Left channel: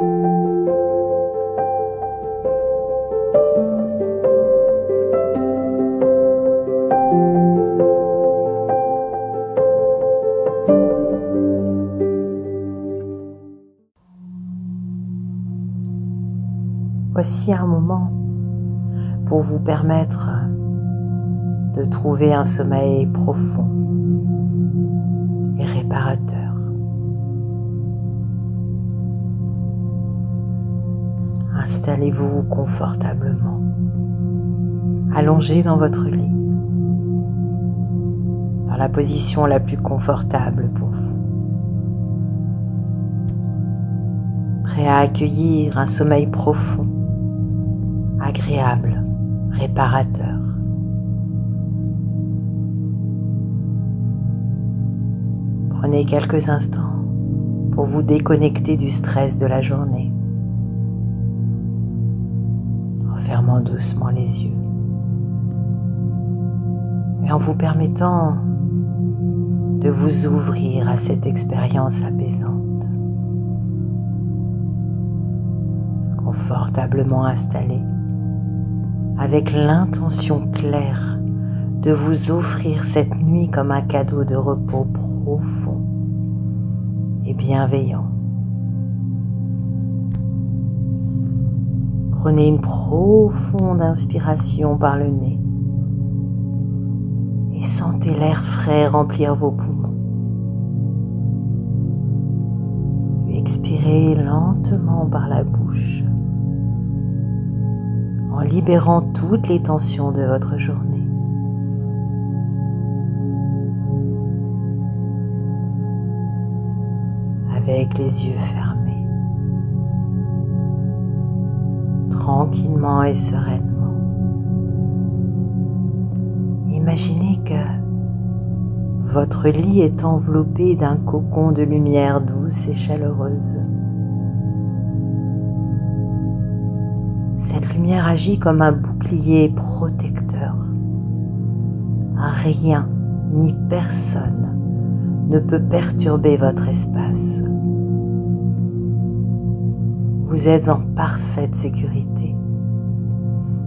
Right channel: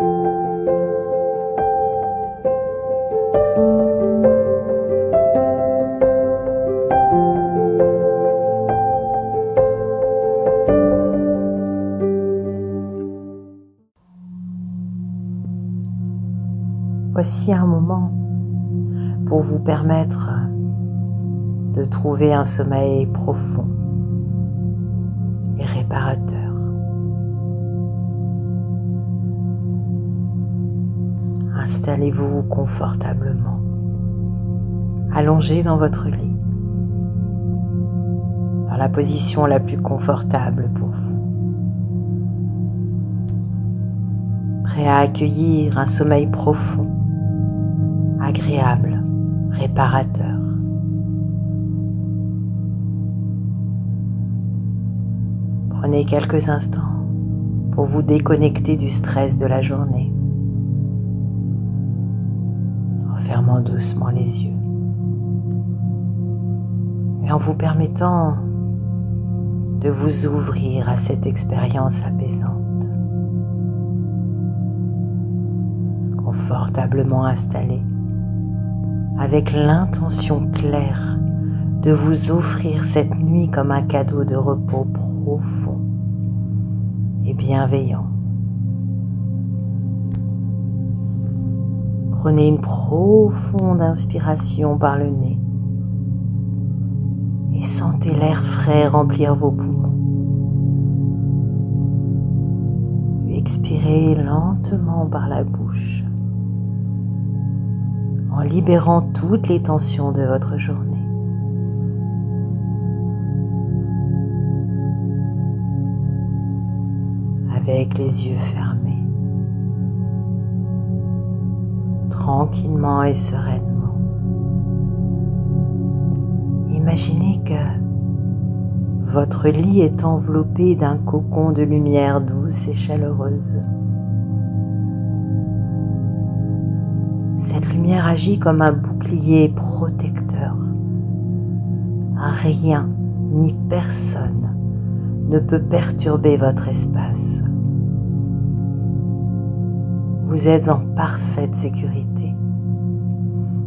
Voici un moment pour vous permettre de trouver un sommeil profond et réparateur. Installez-vous confortablement, allongé dans votre lit, dans la position la plus confortable pour vous. Prêt à accueillir un sommeil profond, agréable, réparateur. Prenez quelques instants pour vous déconnecter du stress de la journée, en fermant doucement les yeux et en vous permettant de vous ouvrir à cette expérience apaisante. Confortablement installé, avec l'intention claire de vous offrir cette nuit comme un cadeau de repos profond et bienveillant. Prenez une profonde inspiration par le nez et sentez l'air frais remplir vos poumons. Expirez lentement par la bouche en libérant toutes les tensions de votre journée. Avec les yeux fermés, tranquillement et sereinement, imaginez que votre lit est enveloppé d'un cocon de lumière douce et chaleureuse. Cette lumière agit comme un bouclier protecteur. Rien ni personne ne peut perturber votre espace. Vous êtes en parfaite sécurité,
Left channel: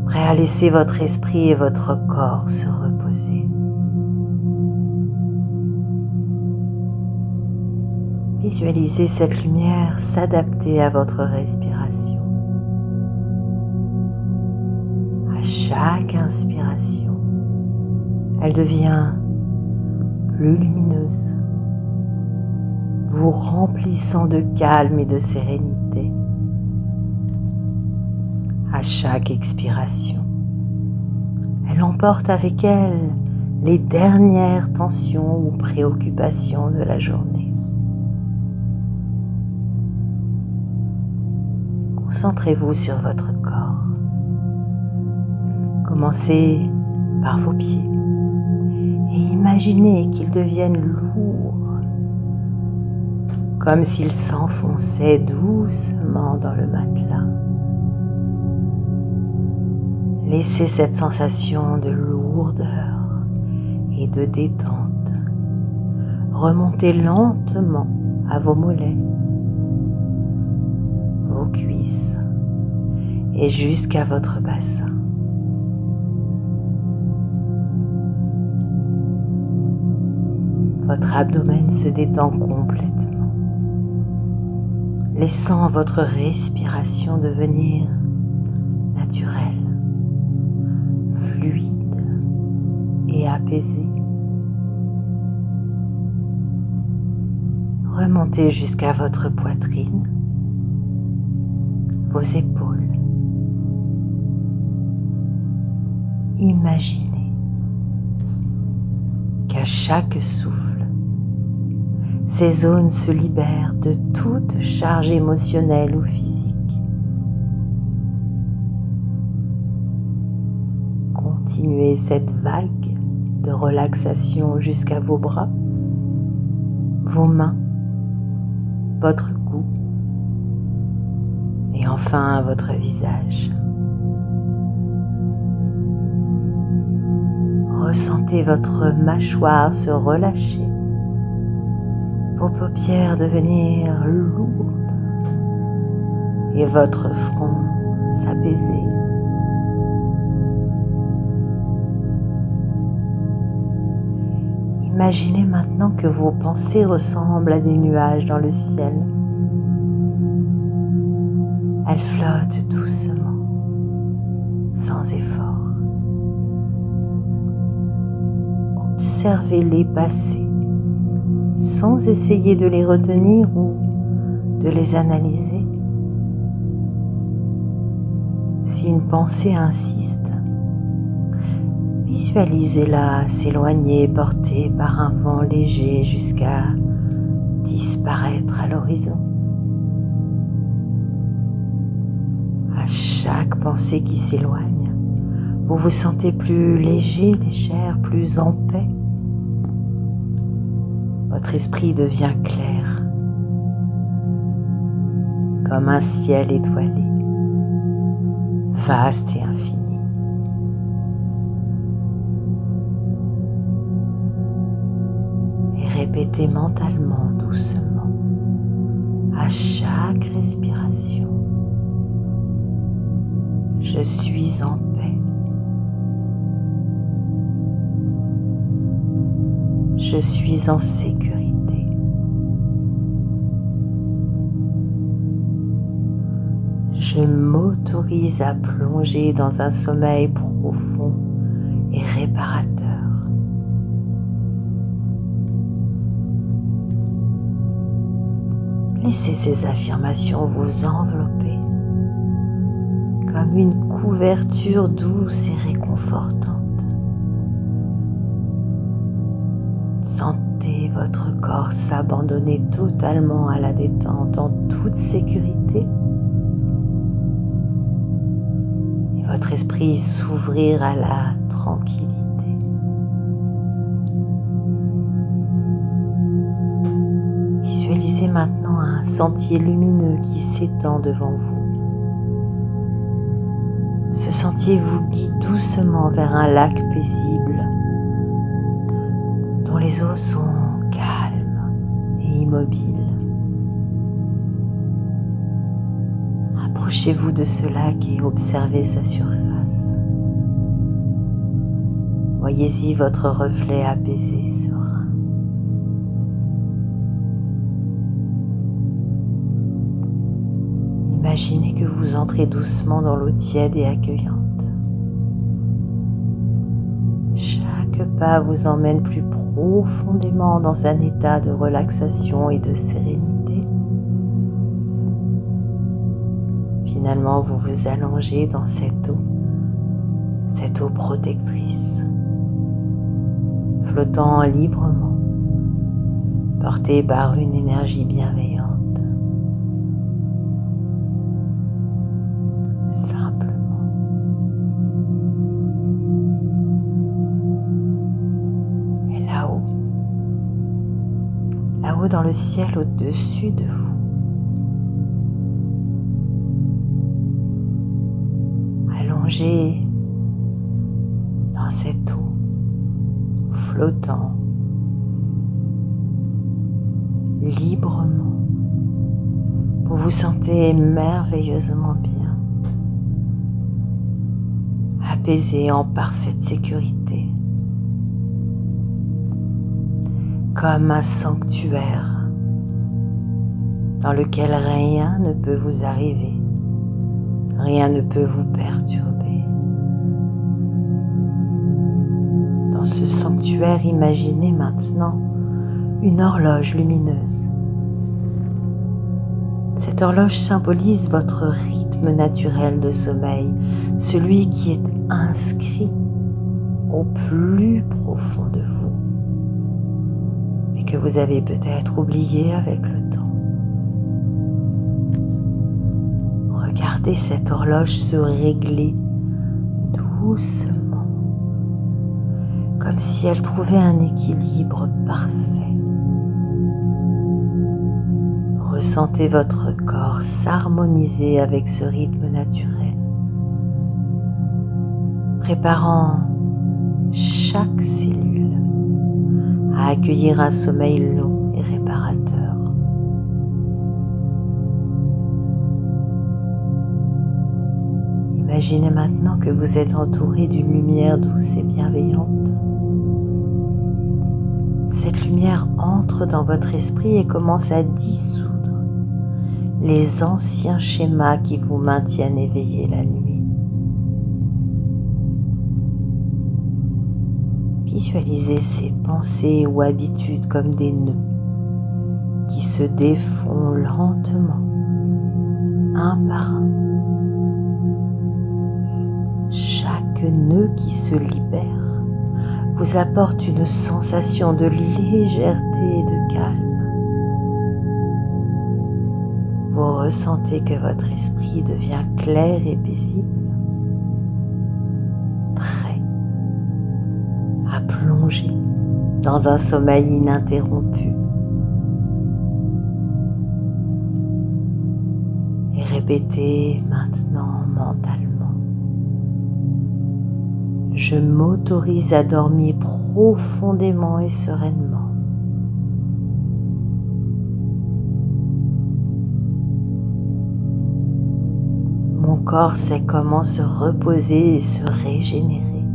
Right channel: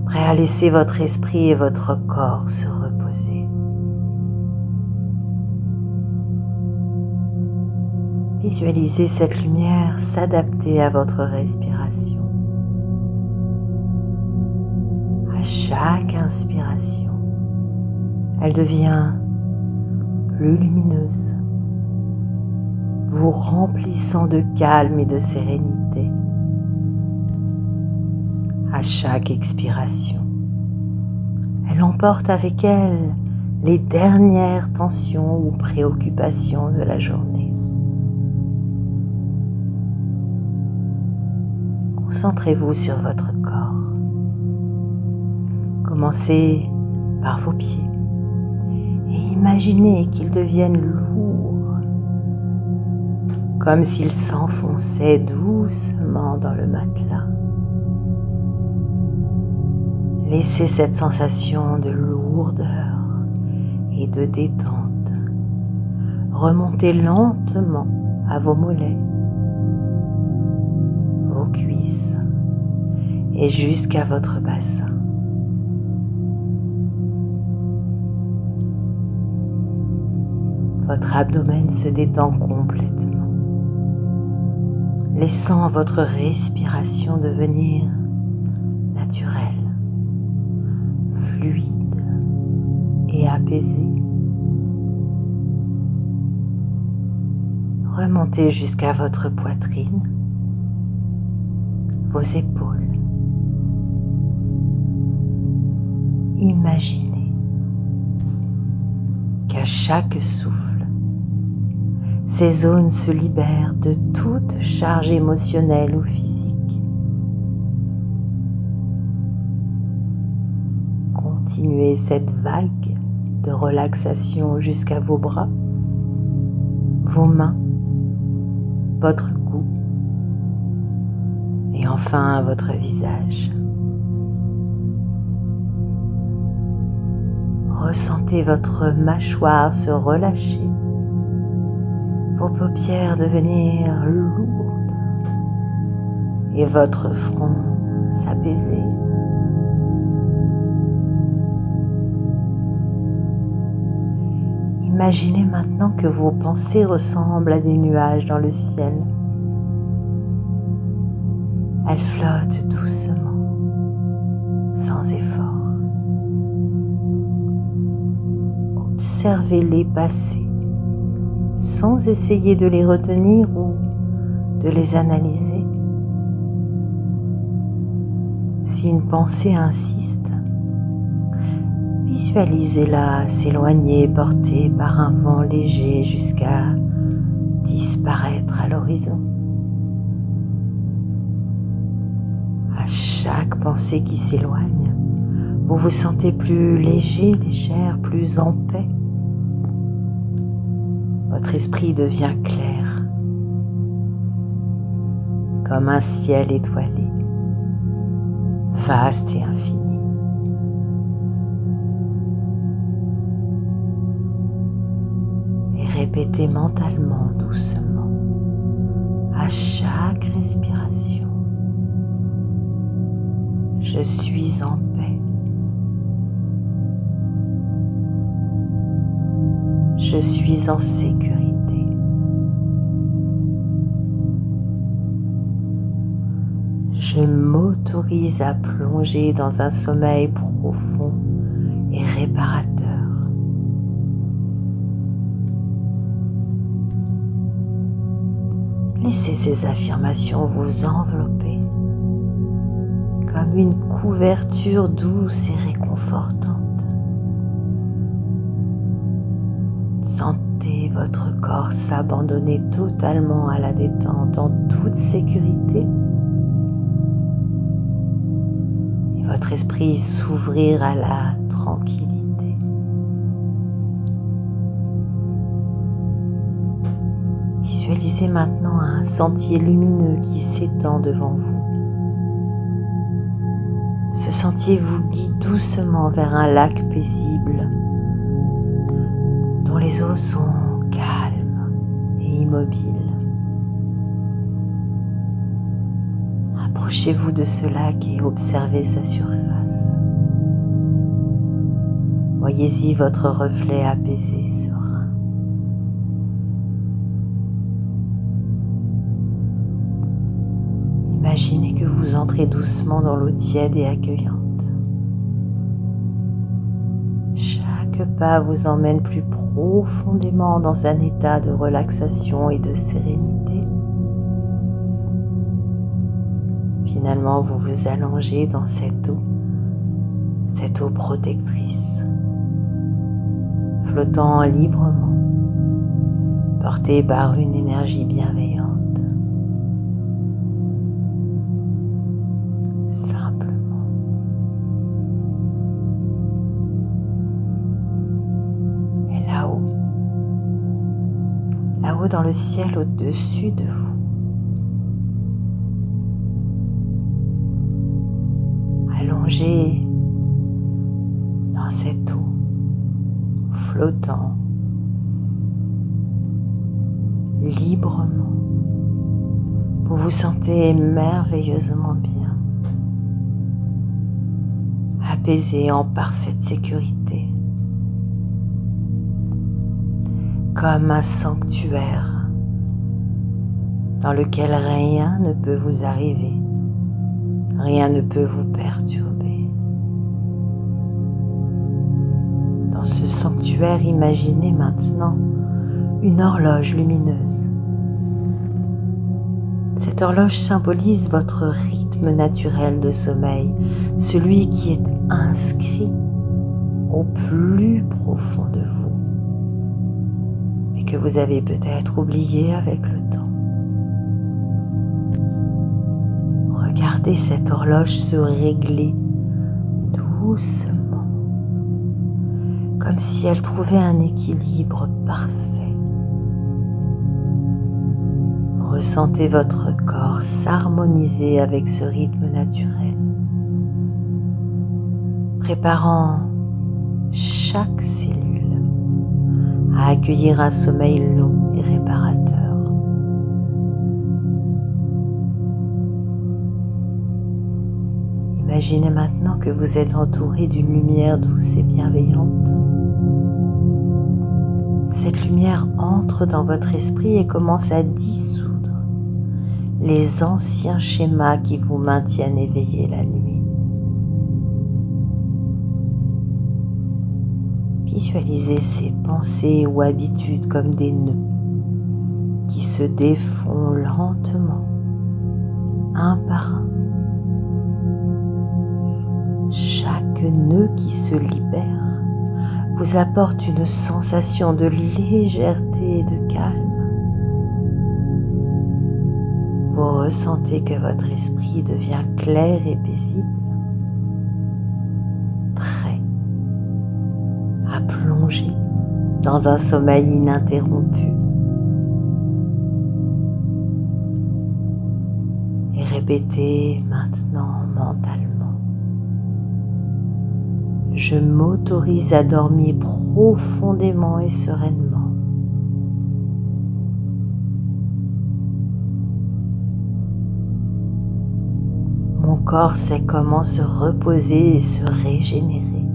prêt à laisser votre esprit et votre corps se reposer. Visualisez cette lumière s'adapter à votre respiration. À chaque inspiration, elle devient plus lumineuse, vous remplissant de calme et de sérénité. À chaque expiration, elle emporte avec elle les dernières tensions ou préoccupations de la journée. Concentrez-vous sur votre corps. Commencez par vos pieds et imaginez qu'ils deviennent lourds, comme s'ils s'enfonçaient doucement dans le matelas. Laissez cette sensation de lourdeur et de détente remonter lentement à vos mollets, vos cuisses et jusqu'à votre bassin. Votre abdomen se détend complètement, laissant votre respiration devenir naturelle, fluide et apaisée. Remontez jusqu'à votre poitrine, vos épaules. Imaginez qu'à chaque souffle, ces zones se libèrent de toute charge émotionnelle ou physique. Continuez cette vague de relaxation jusqu'à vos bras, vos mains, votre cou et enfin votre visage. Ressentez votre mâchoire se relâcher, vos paupières devenir lourdes et votre front s'apaiser. Imaginez maintenant que vos pensées ressemblent à des nuages dans le ciel. Elles flottent doucement, sans effort. Observez-les passer, sans essayer de les retenir ou de les analyser. Si une pensée insiste, visualisez-la s'éloigner, portée par un vent léger jusqu'à disparaître à l'horizon. À chaque pensée qui s'éloigne, vous vous sentez plus léger, légère, plus en paix. Votre esprit devient clair, comme un ciel étoilé, vaste et infini. Et répétez mentalement, doucement, à chaque respiration: je suis en paix. Je suis en sécurité. Je m'autorise à plonger dans un sommeil profond et réparateur. Laissez ces affirmations vous envelopper comme une couverture douce et réconfortante. Sentez votre corps s'abandonner totalement à la détente en toute sécurité et votre esprit s'ouvrir à la tranquillité. Visualisez maintenant un sentier lumineux qui s'étend devant vous. Ce sentier vous guide doucement vers un lac paisible dont les eaux sont calmes et immobiles. Approchez-vous de ce lac et observez sa surface. Voyez-y votre reflet apaisé, serein. Imaginez que vous entrez doucement dans l'eau tiède et accueillante. Chaque pas vous emmène plus profondément dans un état de relaxation et de sérénité. Finalement, vous vous allongez dans cette eau protectrice, flottant librement, portée par une énergie bienveillante. Simplement. Et là-haut dans le ciel au-dessus de vous, allongé dans cette eau, flottant librement, vous vous sentez merveilleusement bien, apaisé, en parfaite sécurité, comme un sanctuaire dans lequel rien ne peut vous arriver, rien ne peut vous perturber. Dans ce sanctuaire, imaginez maintenant une horloge lumineuse. Cette horloge symbolise votre rythme naturel de sommeil, celui qui est inscrit au plus profond de vous, mais que vous avez peut-être oublié avec le temps. Regardez cette horloge se régler doucement, comme si elle trouvait un équilibre parfait. Ressentez votre corps s'harmoniser avec ce rythme naturel, préparant chaque cellule à accueillir un sommeil long et réparateur. Imaginez maintenant que vous êtes entouré d'une lumière douce et bienveillante. Cette lumière entre dans votre esprit et commence à dissoudre les anciens schémas qui vous maintiennent éveillé la nuit. Visualisez ces pensées ou habitudes comme des nœuds qui se défont lentement, un par un. Chaque nœud qui se libère vous apporte une sensation de légèreté et de calme. Vous ressentez que votre esprit devient clair et paisible, prêt à plonger dans un sommeil ininterrompu. Et répétez maintenant mentalement: je m'autorise à dormir profondément et sereinement. Mon corps sait comment se reposer et se régénérer.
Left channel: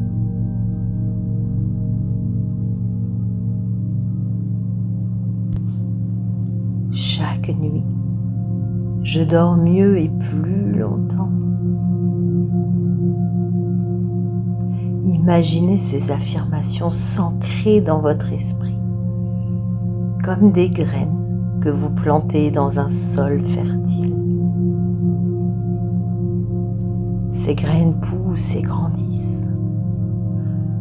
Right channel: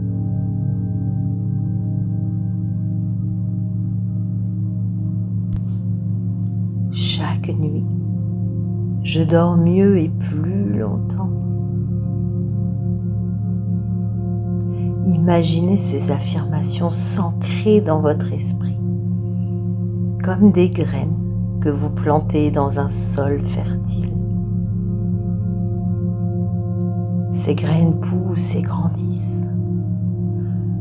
Chaque nuit, je dors mieux et plus longtemps. Imaginez ces affirmations s'ancrer dans votre esprit, comme des graines que vous plantez dans un sol fertile. Ces graines poussent et grandissent,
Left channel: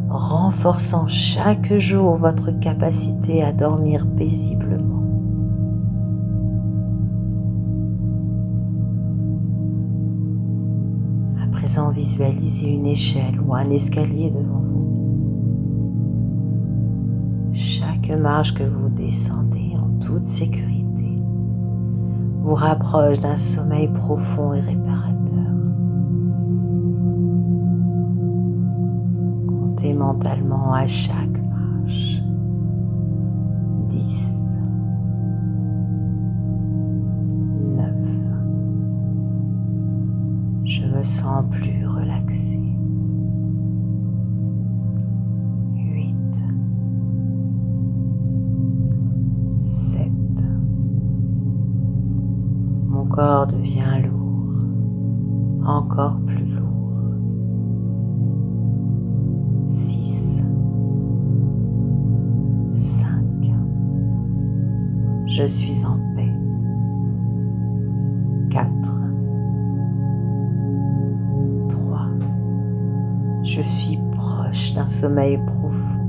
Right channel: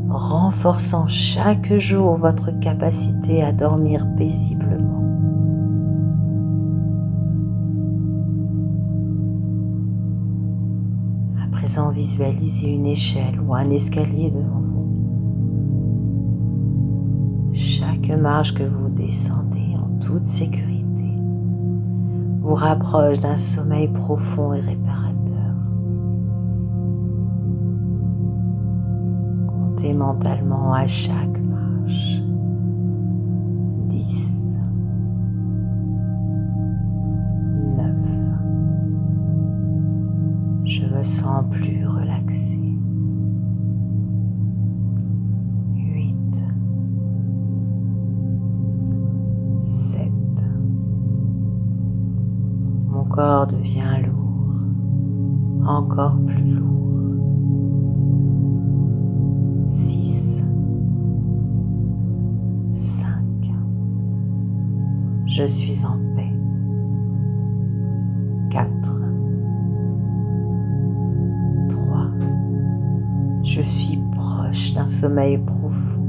renforçant chaque jour votre capacité à dormir paisiblement. À présent, visualisez une échelle ou un escalier devant vous. Chaque marche que vous descendez en toute sécurité vous rapproche d'un sommeil profond et réparateur. Comptez mentalement à chaque marche. 10, 9. Je me sens plus relaxé. 8, 7. Mon corps devient lourd, encore plus lourd. 6, 5. Je suis en paix. 4, 3. Je suis proche d'un sommeil profond.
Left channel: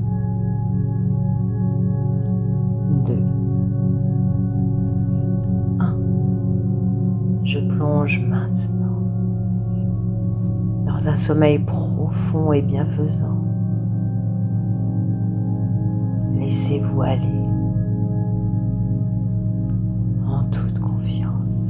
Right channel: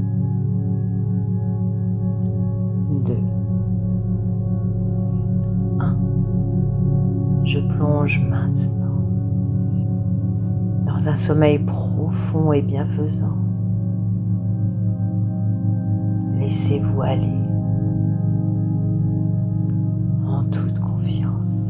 2, 1. Je plonge maintenant dans un sommeil profond et bienfaisant. Laissez-vous aller en toute confiance.